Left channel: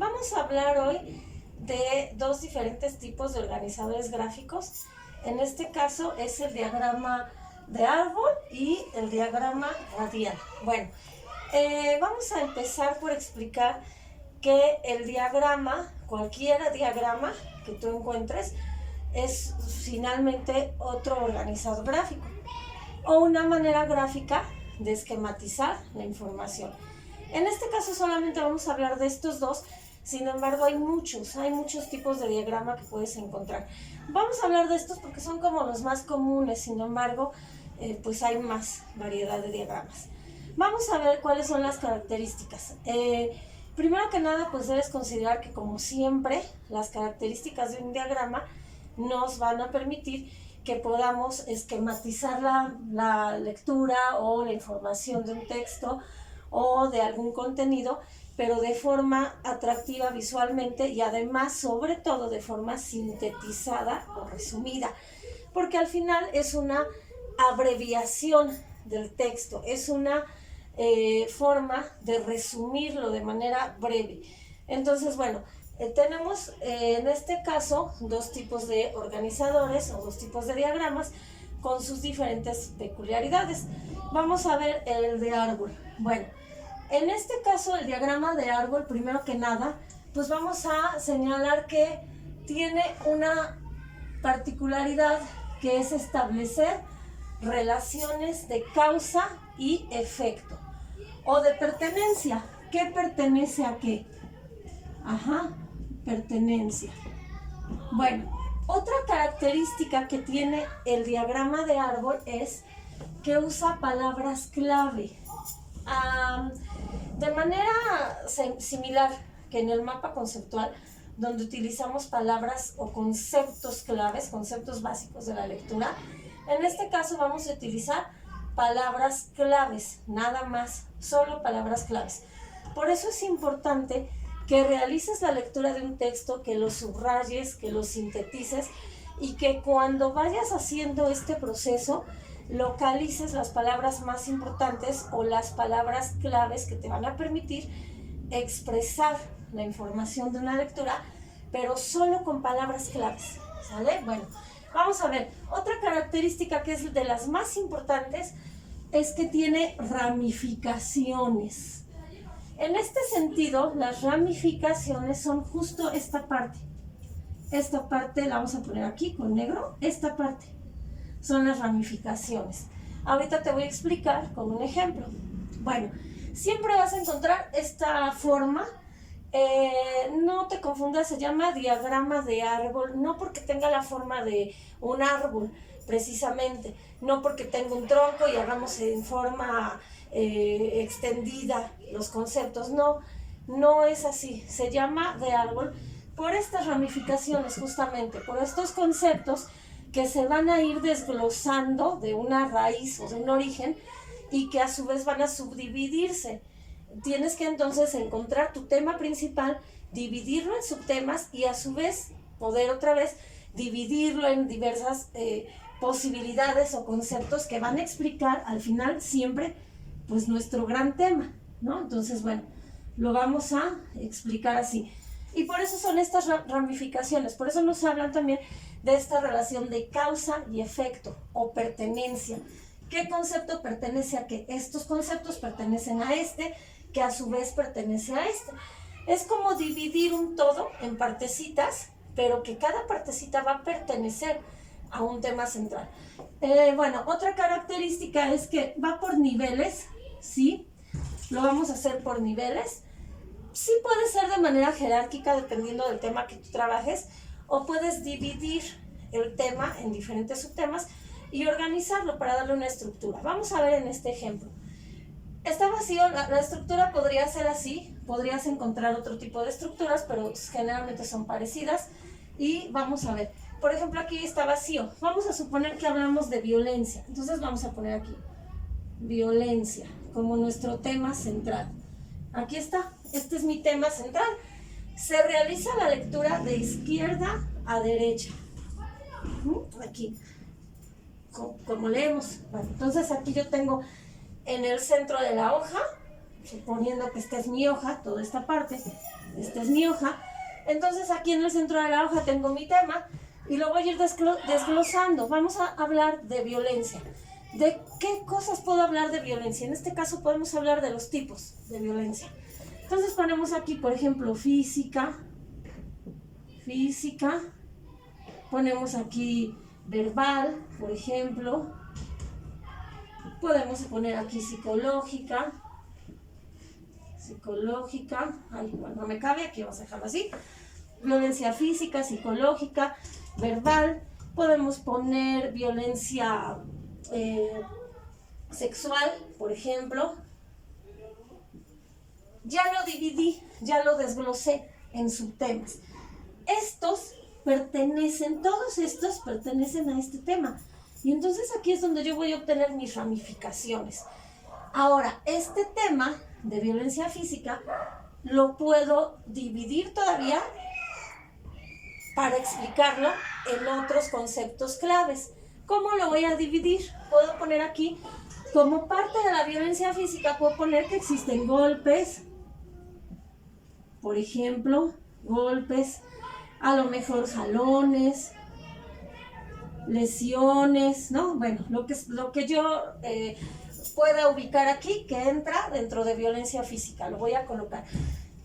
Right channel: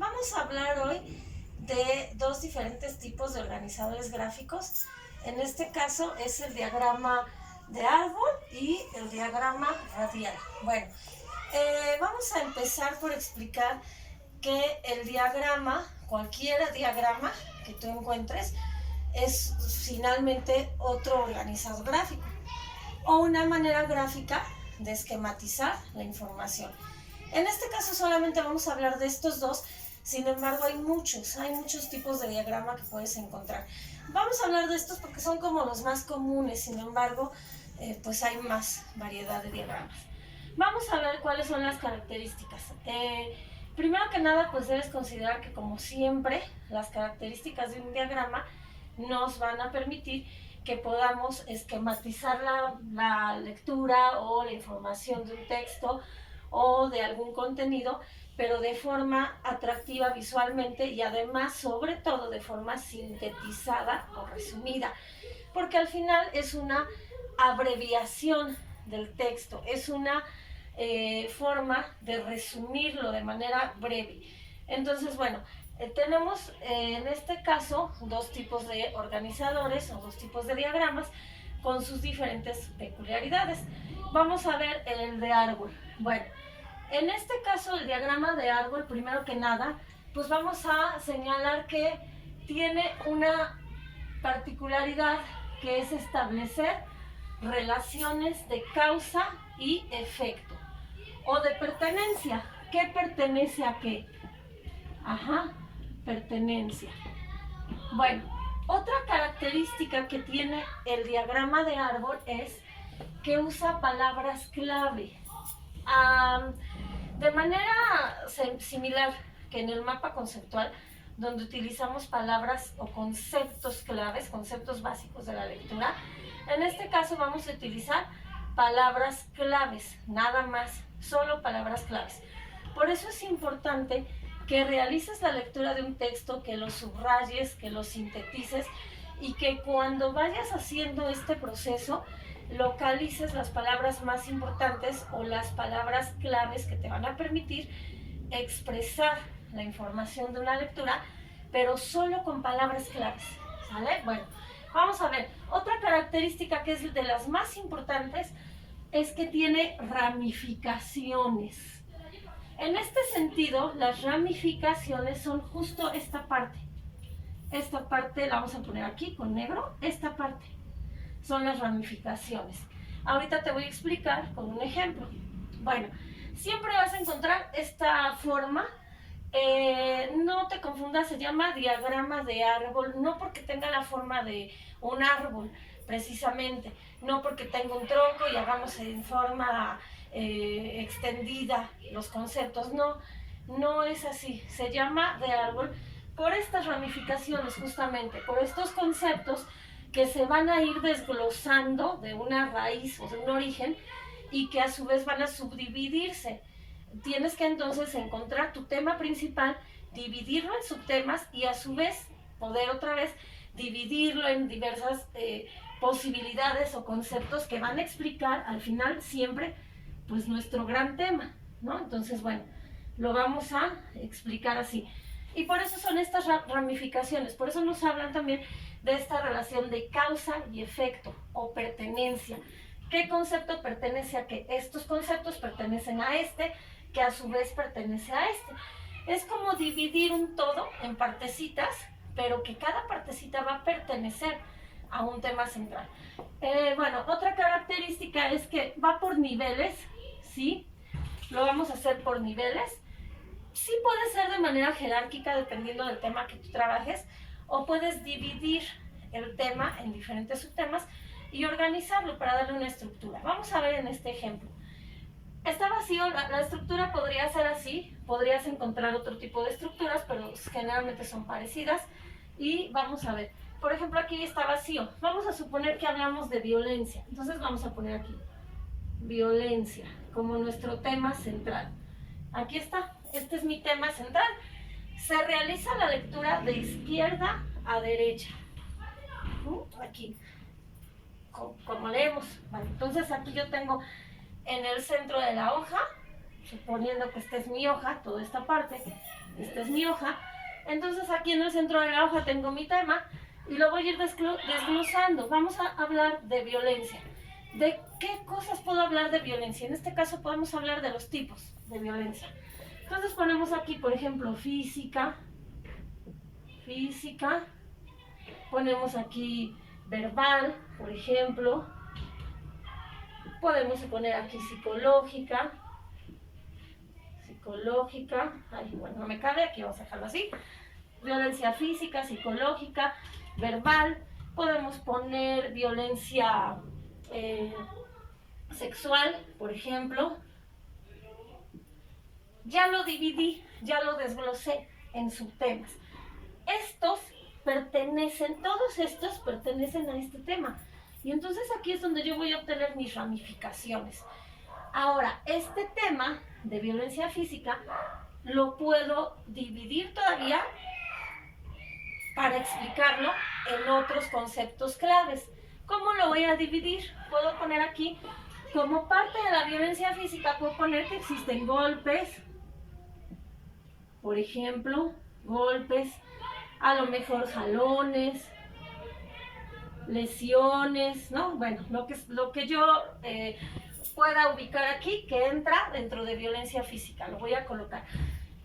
Vamos a hablar hoy de dos diferentes tipos de organizadores gráficos. En este caso es el diagrama de árbol y el diagrama radial. Bueno, vamos a empezar por explicar que el diagrama, cualquier diagrama que tú encuentres, es finalmente otro organizador gráfico o una manera gráfica de esquematizar la información. En este caso solamente vamos a hablar de estos dos, sin embargo hay muchos tipos de diagrama que puedes encontrar. Vamos a hablar de estos porque son como los más comunes, sin embargo, pues hay más variedad de diagramas. Vamos a ver cuáles son las características. Primero que nada, pues debes considerar que, como siempre, las características de un diagrama nos van a permitir que podamos esquematizar la lectura o la información de un texto o de algún contenido, pero de forma atractiva visualmente y además, sobre todo, de forma sintetizada o resumida, porque al final es una abreviación del texto, es una forma de resumirlo de manera breve. Entonces, bueno, tenemos en este caso dos tipos de organizadores o dos tipos de diagramas con sus diferentes peculiaridades. Vamos a ver el de árbol. Bueno, en este caso el diagrama de árbol, primero que nada, pues vamos a señalar que tiene una particularidad que es establecer relaciones de causa y efecto o de pertenencia. ¿Qué pertenece a qué? Pertenencia. Bueno, otra característica que tiene el diagrama de árbol es que usa palabras clave. De manera similar que en el mapa conceptual, donde utilizamos palabras o conceptos claves, conceptos básicos de la lectura, en este caso vamos a utilizar palabras claves, nada más, solo palabras claves. Por eso es importante que realices la lectura de un texto, que lo subrayes, que lo sintetices y que cuando vayas haciendo este proceso localices las palabras más importantes o las palabras claves que te van a permitir expresar la información de una lectura, pero solo con palabras claves, ¿sale? Bueno, vamos a ver, otra característica que es de las más importantes es que tiene ramificaciones. En este sentido, las ramificaciones son justo esta parte. Esta parte la vamos a poner aquí con negro, esta parte son las ramificaciones. Ahorita te voy a explicar con un ejemplo. Bueno, siempre vas a encontrar esta forma, no te confundas, se llama diagrama de árbol, no porque tenga la forma de un árbol precisamente, no porque tenga un tronco y hagamos en forma extendida los conceptos, no es así, se llama de árbol por estas ramificaciones justamente, por estos conceptos que se van a ir desglosando de una raíz o de un origen y que a su vez van a subdividirse. Tienes que entonces encontrar tu tema principal, dividirlo en subtemas y a su vez poder otra vez dividirlo en diversas posibilidades o conceptos que van a explicar al final siempre pues nuestro gran tema, ¿no? Entonces, bueno, lo vamos a explicar así. Y por eso son estas ramificaciones, por eso nos hablan también de esta relación de causa y efecto o pertenencia. ¿Qué concepto pertenece a qué? Estos conceptos pertenecen a este, que a su vez pertenece a este. Es como dividir un todo en partecitas, pero que cada partecita va a pertenecer a un tema central. Bueno, otra característica es que va por niveles, ¿sí? Lo vamos a hacer por niveles. Sí puede ser de manera jerárquica dependiendo del tema que tú trabajes, o puedes dividir el tema en diferentes subtemas y organizarlo para darle una estructura. Vamos a ver en este ejemplo. Está vacío, la estructura podría ser así, podrías encontrar otro tipo de estructuras, pero generalmente son parecidas. Y vamos a ver, por ejemplo, aquí está vacío. Vamos a suponer que hablamos de violencia. Entonces vamos a poner aquí, violencia, como nuestro tema central. Aquí está, este es mi tema central. Se realiza la lectura de izquierda a derecha. Aquí, como leemos. Bueno, entonces aquí yo tengo en el centro de la hoja, suponiendo que esta es mi hoja, toda esta parte, esta es mi hoja. Entonces aquí en el centro de la hoja tengo mi tema y lo voy a ir desglosando. Vamos a hablar de violencia. ¿De qué cosas puedo hablar de violencia? En este caso podemos hablar de los tipos de violencia. Entonces ponemos aquí, por ejemplo, física. Ponemos aquí verbal, por ejemplo. Podemos poner aquí psicológica. Ay, bueno, no me cabe, aquí vamos a dejarlo así. Violencia física, psicológica, verbal. Podemos poner violencia sexual, por ejemplo. Ya lo dividí, ya lo desglosé en subtemas. Todos estos pertenecen a este tema. Y entonces aquí es donde yo voy a obtener mis ramificaciones. Ahora, este tema de violencia física lo puedo dividir todavía para explicarlo en otros conceptos claves. ¿Cómo lo voy a dividir? Puedo poner aquí, como parte de la violencia física, puedo poner que existen golpes, por ejemplo, golpes, a lo mejor jalones, lesiones, ¿no? Bueno, lo que yo pueda ubicar aquí que entra dentro de violencia física, lo voy a colocar.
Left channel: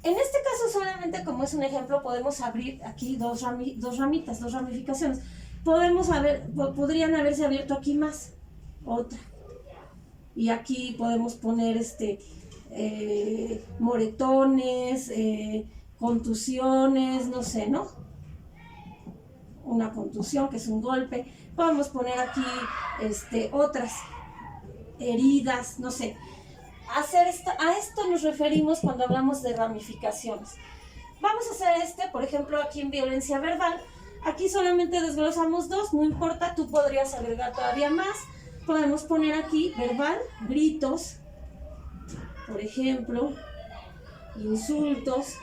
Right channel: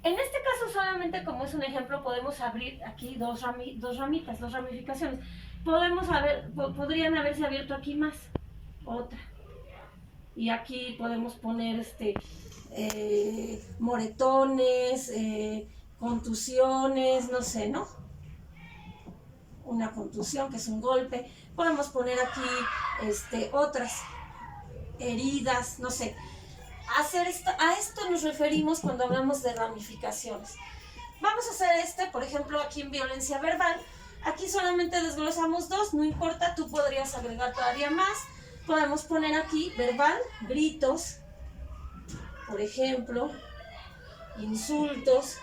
En este caso solamente como es un ejemplo podemos abrir aquí dos ramificaciones. Podrían haberse abierto aquí más, otra. Y aquí podemos poner moretones, contusiones, no sé, ¿no? Una contusión que es un golpe. Podemos poner aquí otras heridas, no sé. A esto nos referimos cuando hablamos de ramificaciones. Vamos a hacer por ejemplo, aquí en violencia verbal. Aquí solamente desglosamos dos, no importa, tú podrías agregar todavía más. Podemos poner aquí verbal, gritos, por ejemplo, insultos,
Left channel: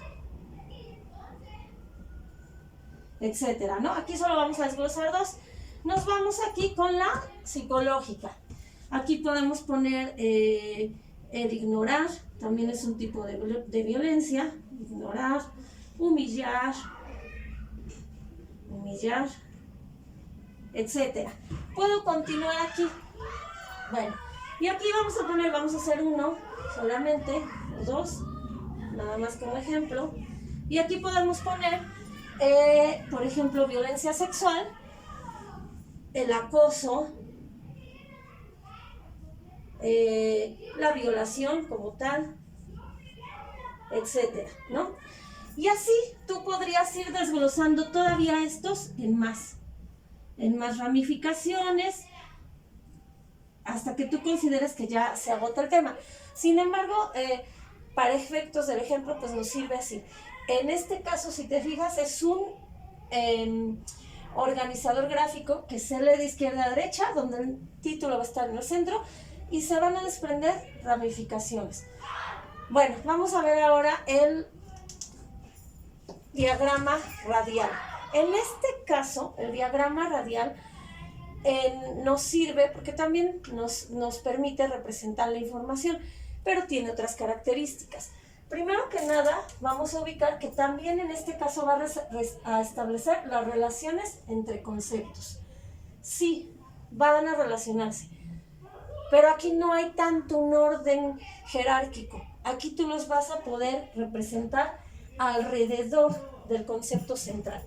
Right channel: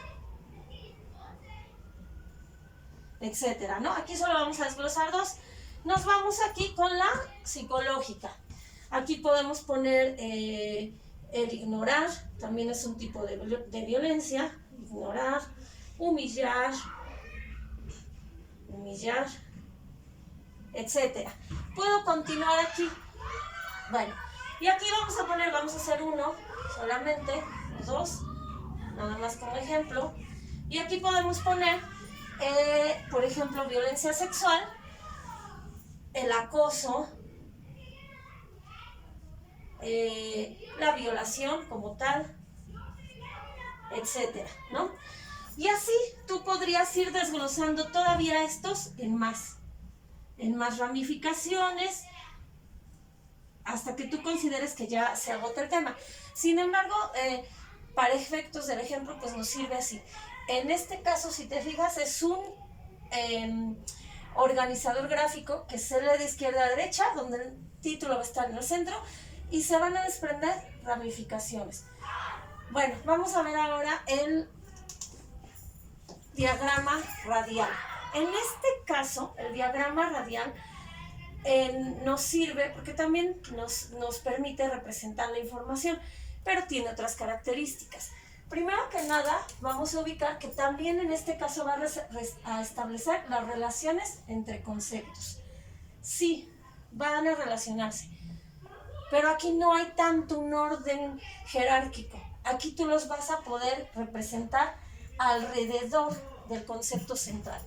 etcétera, ¿no? Aquí solo vamos a desglosar dos. Nos vamos aquí con la psicológica. Aquí podemos poner el ignorar, también es un tipo de violencia. Ignorar, humillar, etcétera. Puedo continuar aquí. Bueno, y aquí vamos a hacer uno solamente, dos, nada más como ejemplo. Y aquí podemos poner, por ejemplo, violencia sexual, el acoso, la violación como tal, etcétera, ¿no? Y así tú podrías ir desglosando todavía estos en más ramificaciones, hasta que tú consideres que ya se agota el tema. Sin embargo, para efectos del ejemplo, pues nos sirve así. En este caso, si te fijas, es un organizador gráfico que se lee de izquierda a derecha, donde el título va a estar en el centro, y se van a desprender ramificaciones. Bueno, vamos a ver ahora el diagrama radial. En este caso, el diagrama radial nos sirve porque también nos permite representar la información, pero tiene otras características. Primero que nada, vamos a ubicar que también en este caso va a establecer las relaciones entre conceptos. Sí, van a relacionarse, pero aquí no hay tanto un orden jerárquico. Aquí tú los vas a poder representar alrededor del concepto central,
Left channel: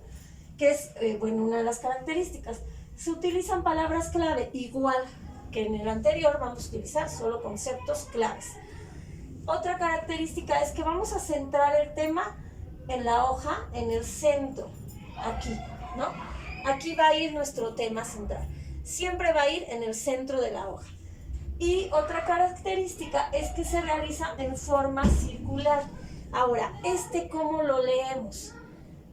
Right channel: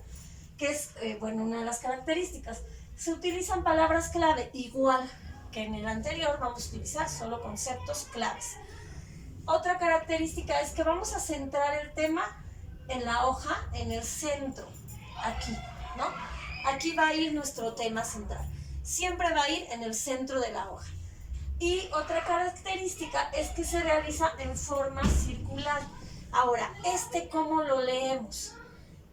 que es, una de las características. Se utilizan palabras clave, igual que en el anterior, vamos a utilizar solo conceptos claves. Otra característica es que vamos a centrar el tema en la hoja, en el centro, aquí, ¿no? Aquí va a ir nuestro tema central. Siempre va a ir en el centro de la hoja. Y otra característica es que se realiza en forma circular. Ahora, ¿cómo lo leemos?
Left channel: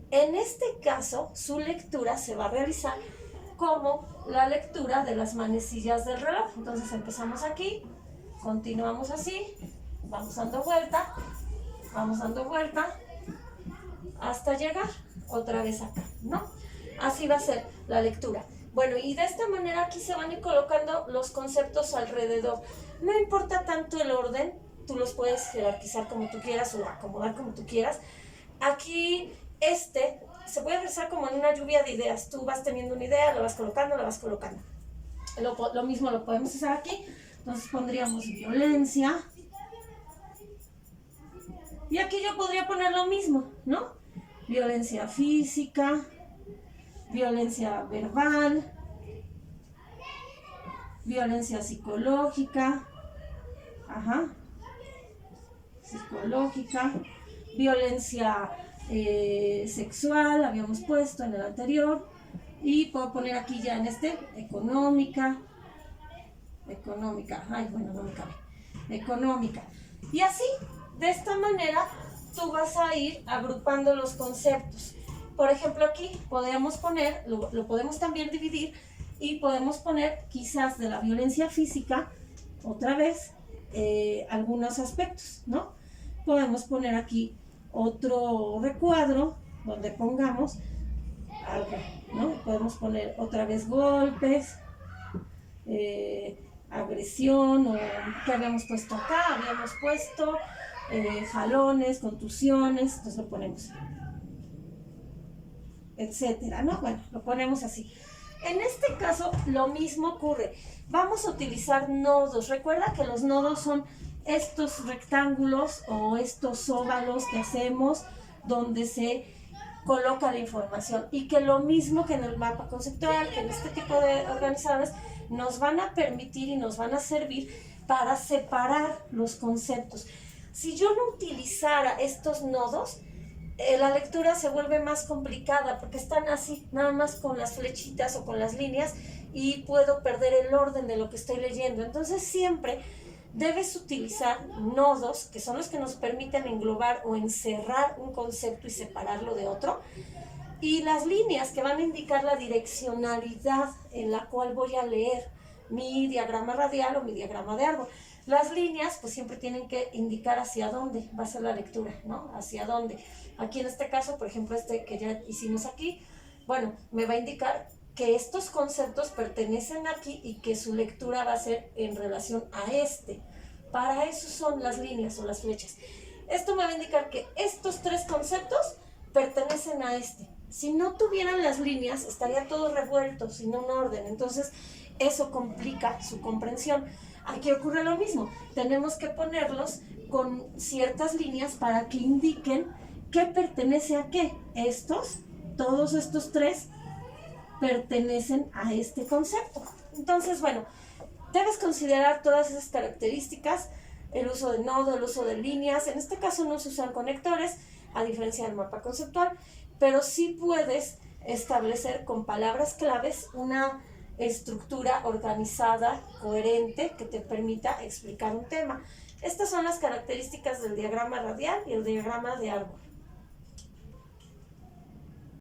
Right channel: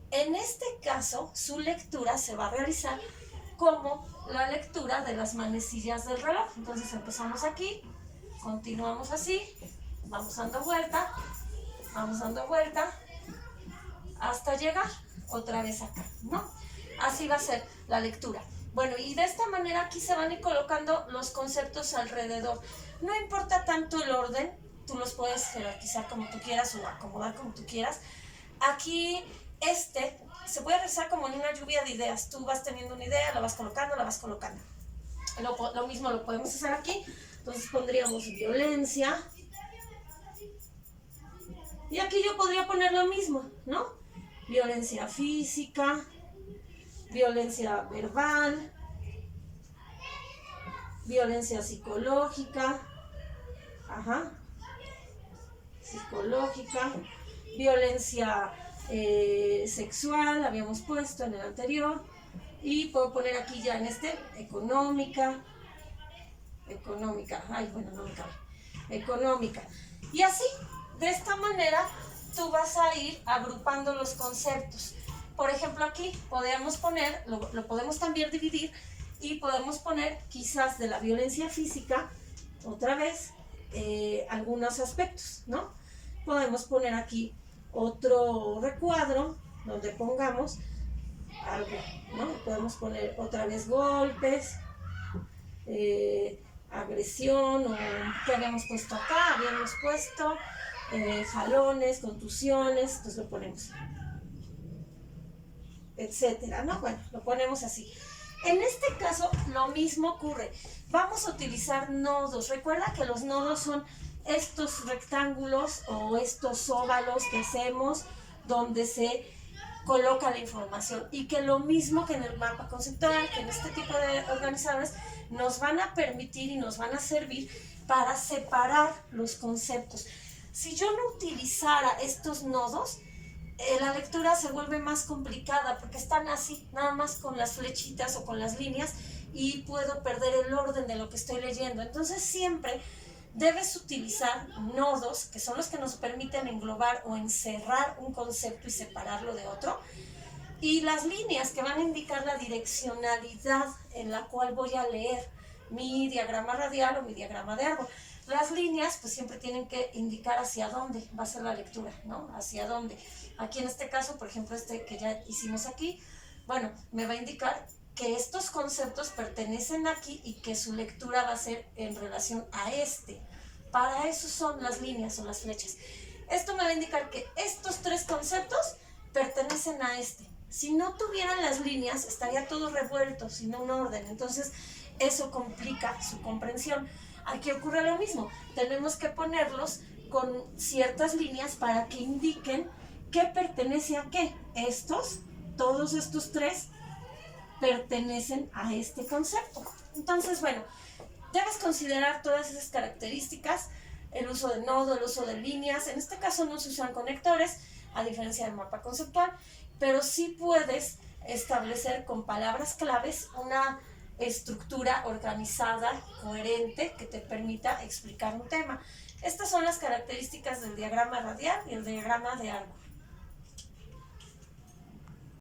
En este caso, su lectura se va a realizar como la lectura de las manecillas del reloj. Entonces empezamos aquí, continuamos así, vamos dando vuelta, hasta llegar otra vez acá, ¿no? Así va a ser la lectura. Bueno, y de esta manera aquí se van a ir colocando los conceptos alrededor. No importa tanto el orden, tú los puedes jerarquizar como tú quieras o acomodar como tú quieras. Aquí se puede realizar como en una lluvia de ideas. Tú vas teniendo una idea, la vas colocando, la vas colocando. Lo mismo lo podemos hacer aquí. Entonces pondríamos violencia. Y aquí yo podría poner lo mismo, ¿no? Violencia física, violencia verbal, violencia psicológica, psicológica, violencia sexual, habíamos puesto en el anterior, y puedo poner aquí ya en económica, económica, y así, de esta manera, tú vas a ir agrupando los conceptos. Por ejemplo, aquí podemos poner, lo podemos también dividir, y podemos poner quizás de la violencia física, otra vez, algunos aspectos, ¿no? Podemos poner aquí otro recuadro donde pongamos algo, ¿no? Podemos poner otra vez golpes, agresión, o ¿qué habíamos puesto acá? Habíamos puesto jalones, contusiones, entonces lo ponemos, etcétera, ¿no? Bueno, lo ponemos así. En este caso, lo mismo ocurre. Vamos a utilizar nodos. Recuerda que los nodos son estos rectángulos o estos óvalos que hacemos donde se coloca la información, y que lo mismo que en el mapa conceptual, que en este tipo de organizadores, nos van a permitir y nos van a servir para separar los conceptos. Si yo no utilizara estos nodos, la lectura se vuelve más complicada porque están así, nada más con las flechitas o con las líneas, y puedo perder el orden de lo que estoy leyendo. Entonces siempre debes utilizar nodos, que son los que nos permiten englobar o encerrar un concepto y separarlo de otro, y las líneas que van a indicar la direccionalidad en la cual voy a leer mi diagrama radial o mi diagrama de árbol. Las líneas pues siempre tienen que indicar hacia dónde va a ser la lectura, ¿no? Hacia dónde. Aquí en este caso, por ejemplo, que ya hicimos aquí, bueno, me va a indicar que estos conceptos pertenecen aquí y que su lectura va a ser en relación a Para eso son las líneas o las flechas. Esto me va a indicar que estos tres conceptos pertenecen a Si no tuvieran las líneas, estaría todo revuelto, sin un orden. Entonces, eso complica su comprensión. Aquí ocurre lo mismo. Tenemos que ponerlos con ciertas líneas para que indiquen qué pertenece a qué. Todos estos tres pertenecen a este concepto. Entonces, bueno, debes considerar todas esas características, el uso de nodo, el uso de líneas. En este caso no se usan conectores, a diferencia del mapa conceptual, pero sí puedes establecer con palabras claves una estructura organizada, coherente, que te permita explicar un tema. Estas son las características del diagrama radial y el diagrama de árbol.